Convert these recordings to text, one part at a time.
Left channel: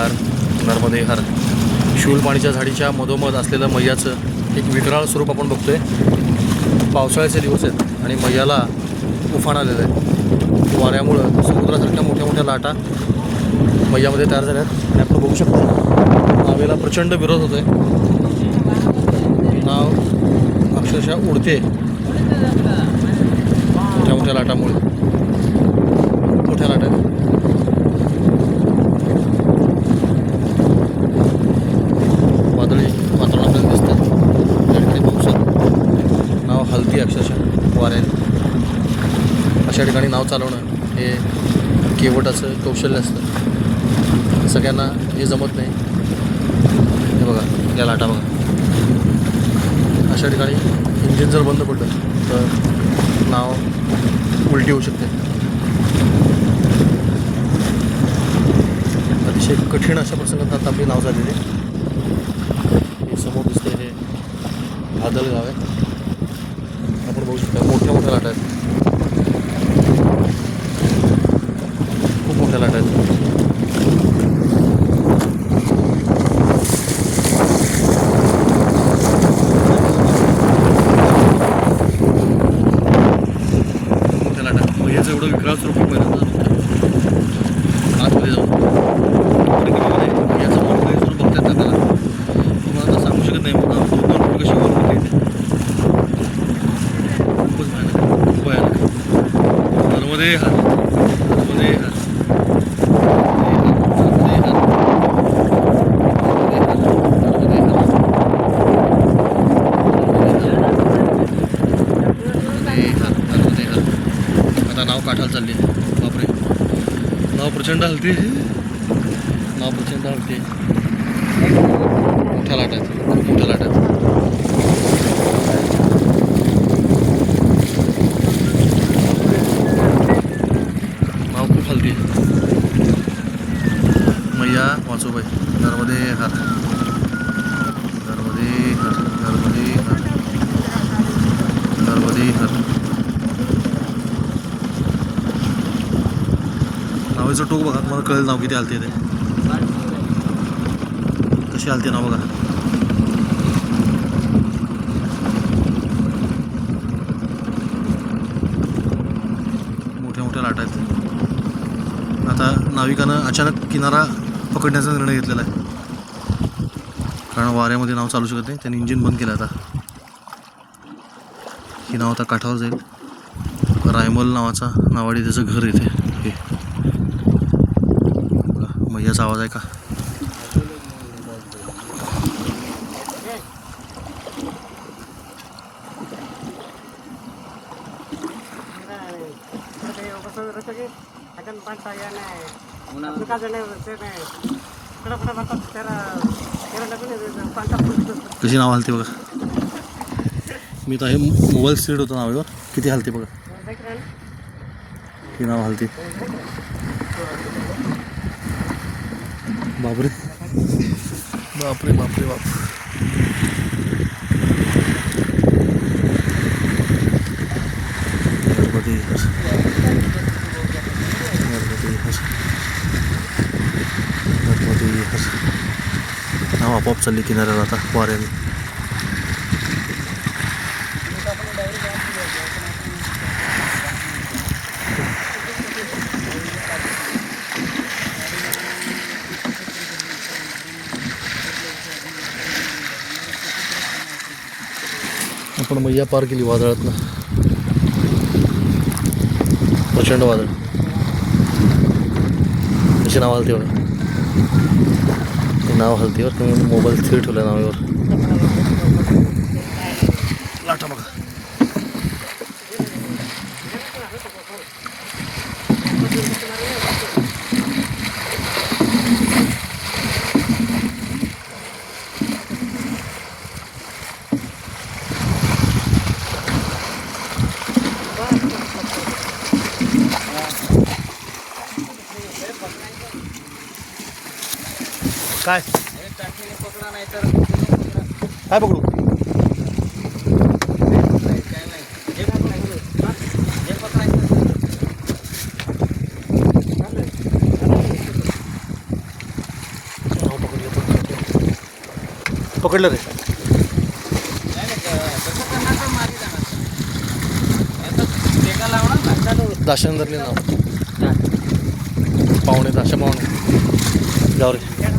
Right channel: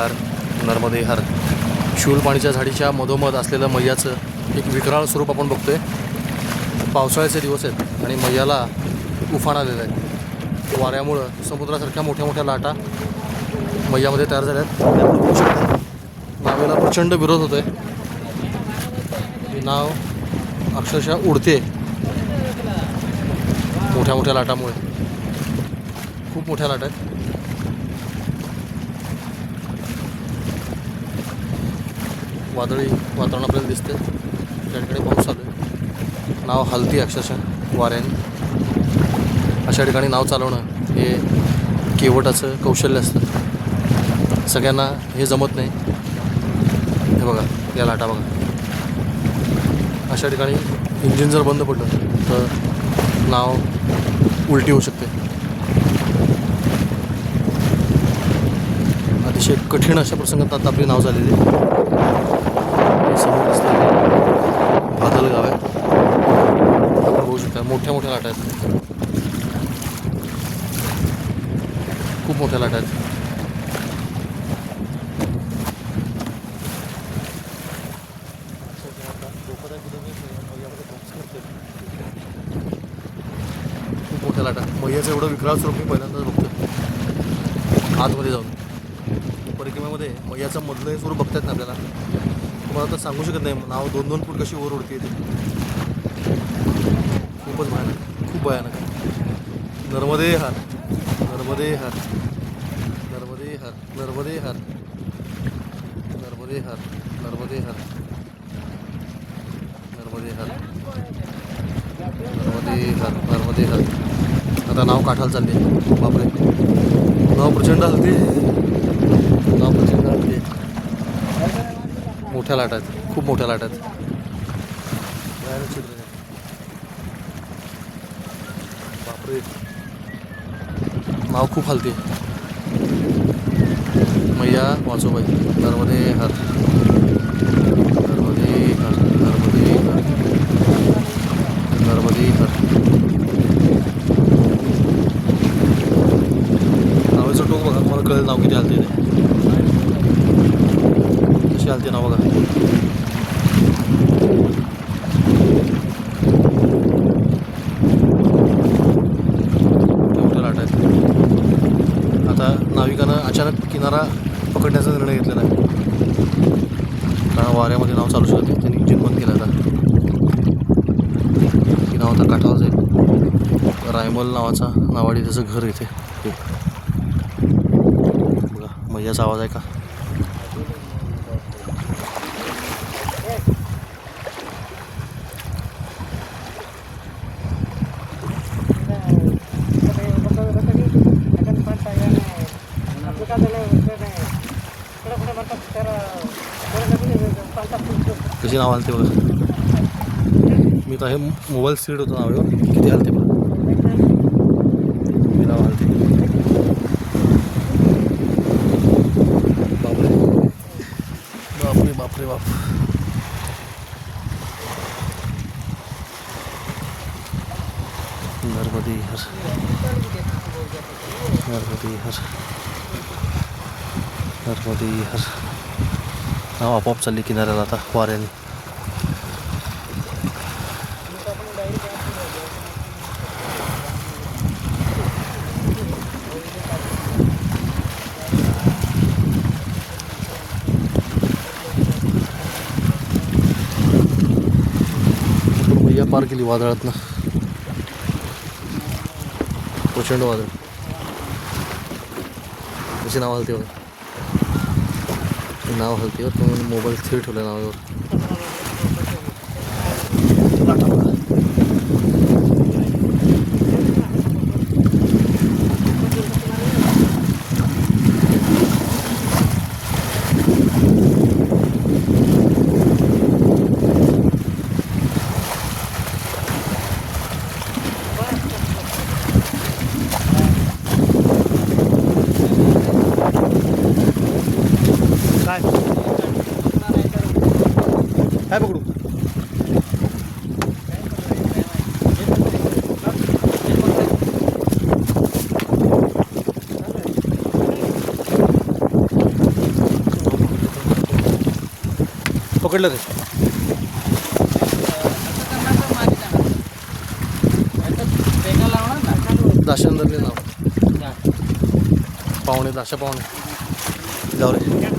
नमस्कार नर्मदे हर शिवलपाणीच्या झाडीच्या मधोमध असलेलं मैयाचं एक विकराळ स्वरूप आपण बघतोय. पावसाळ्याचे दिवस आहेत आणि मैयाला उफाण आलेलं आहे. वाऱ्यामुळं समुद्रासारख्या मोठ्या मोठ्या लाटा मैयामध्ये तयार झाल्या आहेत. आणि आपण बघू शकतो. नावेला प्रचंड विरोध होतो आहे नाव अक्षरशः उडते. मोठ्या मोठ्या लाटामुळे. खूप मोठ्या लाटा आहेत. वादळी वातावरण आपल्याला दिसतंय. त्या ठिकाणी पावसात. नाव हलती अक्षरशः वाऱ्याने. अशा ठिकाणी नाव चालवणं हे केवटाचं कौशल्य असतं. सगळ्यांना हे जमत नाही. हे बघा या लाटा बघा. अशा ठिकाणी इंजिन जर बंद पडलं तर नाव उलटी होऊ शकते. अतिशय कठीण अशा प्रसंगात आता आपली नाव झालेली समोर असलेले बादल गाव आहे. आपण बघू शकता मोठ्या मोठ्या लाटा आहेत. खूप मोठ्या लाटा आहेत. मोठ्या आहेत. याचं एवढं विक्राळ स्वरूप पहिल्यांदा पहिल्यांदाच आतमध्ये जाऊन. परिक्रमामध्ये याचं मोठं करून बघतात ना त्याला. तुम्हाला तर सांगू शकत नाही नाव दोन दोन फूट कशी वर होते. खूपच भयानक आहे खूप भयानक आहे. नर्मदे हार नर्मदे हार. आता नाव काठाला चालले बापरे. नाव प्रचंड हलते नावाचे झाड मोठ्या लाटा खूप मोठ्या लाटा माव नाव खूप हलते. मैया वाचोबाई नर्मदे हर. नर्मदे हर नर्मदे हर. नर्मदे हर. नावाचं टोक बघा मला कळेल नाव किती हलते ते. कशी हलते ना बघा मोठ्या मोठ्या लाट आहेत. आता नाविकानं अचानक किनारा पकडण्याचा निर्णय घेतलेला आहे. कारण वाऱ्यामध्ये नाव चालू शकत नाही. त्यांनी इंजिन बंद केलं आता. ही नाव आता काठावर जाईल रायमल नावाचा नावाडी त्याचं घर येते हे. बघा मैयाचा आवाज आहे का? कशी नाव हलते बघा. मी तर हे मोबाईल स्पीड होतं नावावर. किती हलते बघा. ही नाव हलते. बापरे. बापरे बापरे बाप. गणपती हर. नर्मदे हर. नाव आपोआप चालली किनाऱ्याला आता वाऱ्याने. आपण मैया पार केली वादळातनं. प्रचंड वादळ. कशी नाव हलतीवर नाव हलतीवर तुम्ही मोबाईल स्थिर ठेवला नावावर. काय पकडू पकडलं रे दाशांदरले नाव पाहुणे दाशा पाहुणे जाऊ रे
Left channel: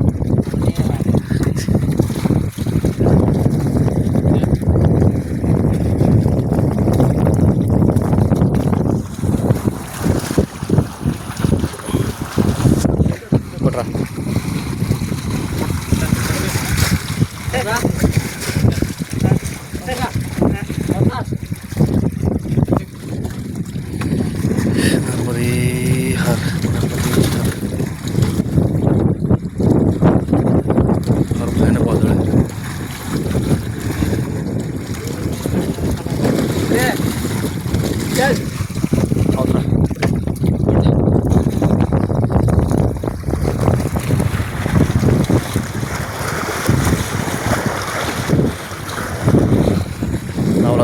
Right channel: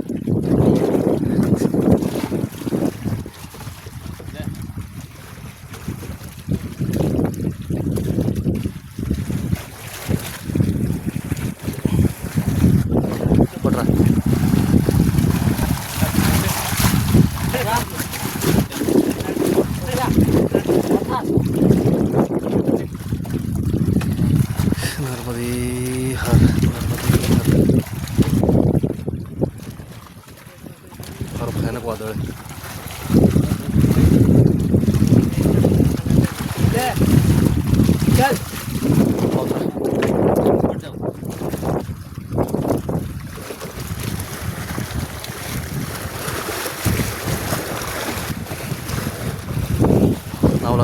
नर्मदे हर नर्मदे हर फार भयानक वादळ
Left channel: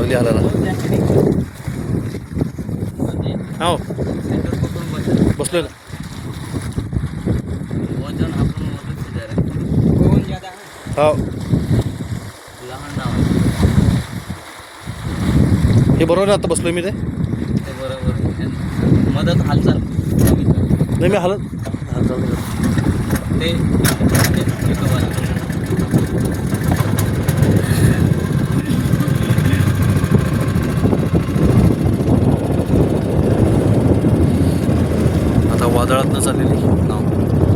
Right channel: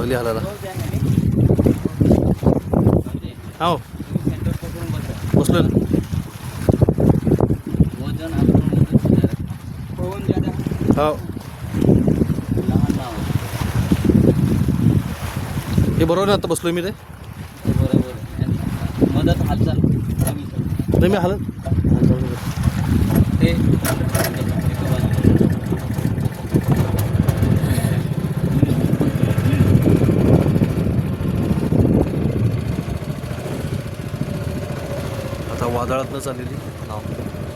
लागली हालायला हो बसलो ना. हो हे बरोबर आहे आता बसलोय मी ते? मदत हालचाल नाही मी हालत हालचाल ते एका बाजूला. वादळातनं चाललेली नाव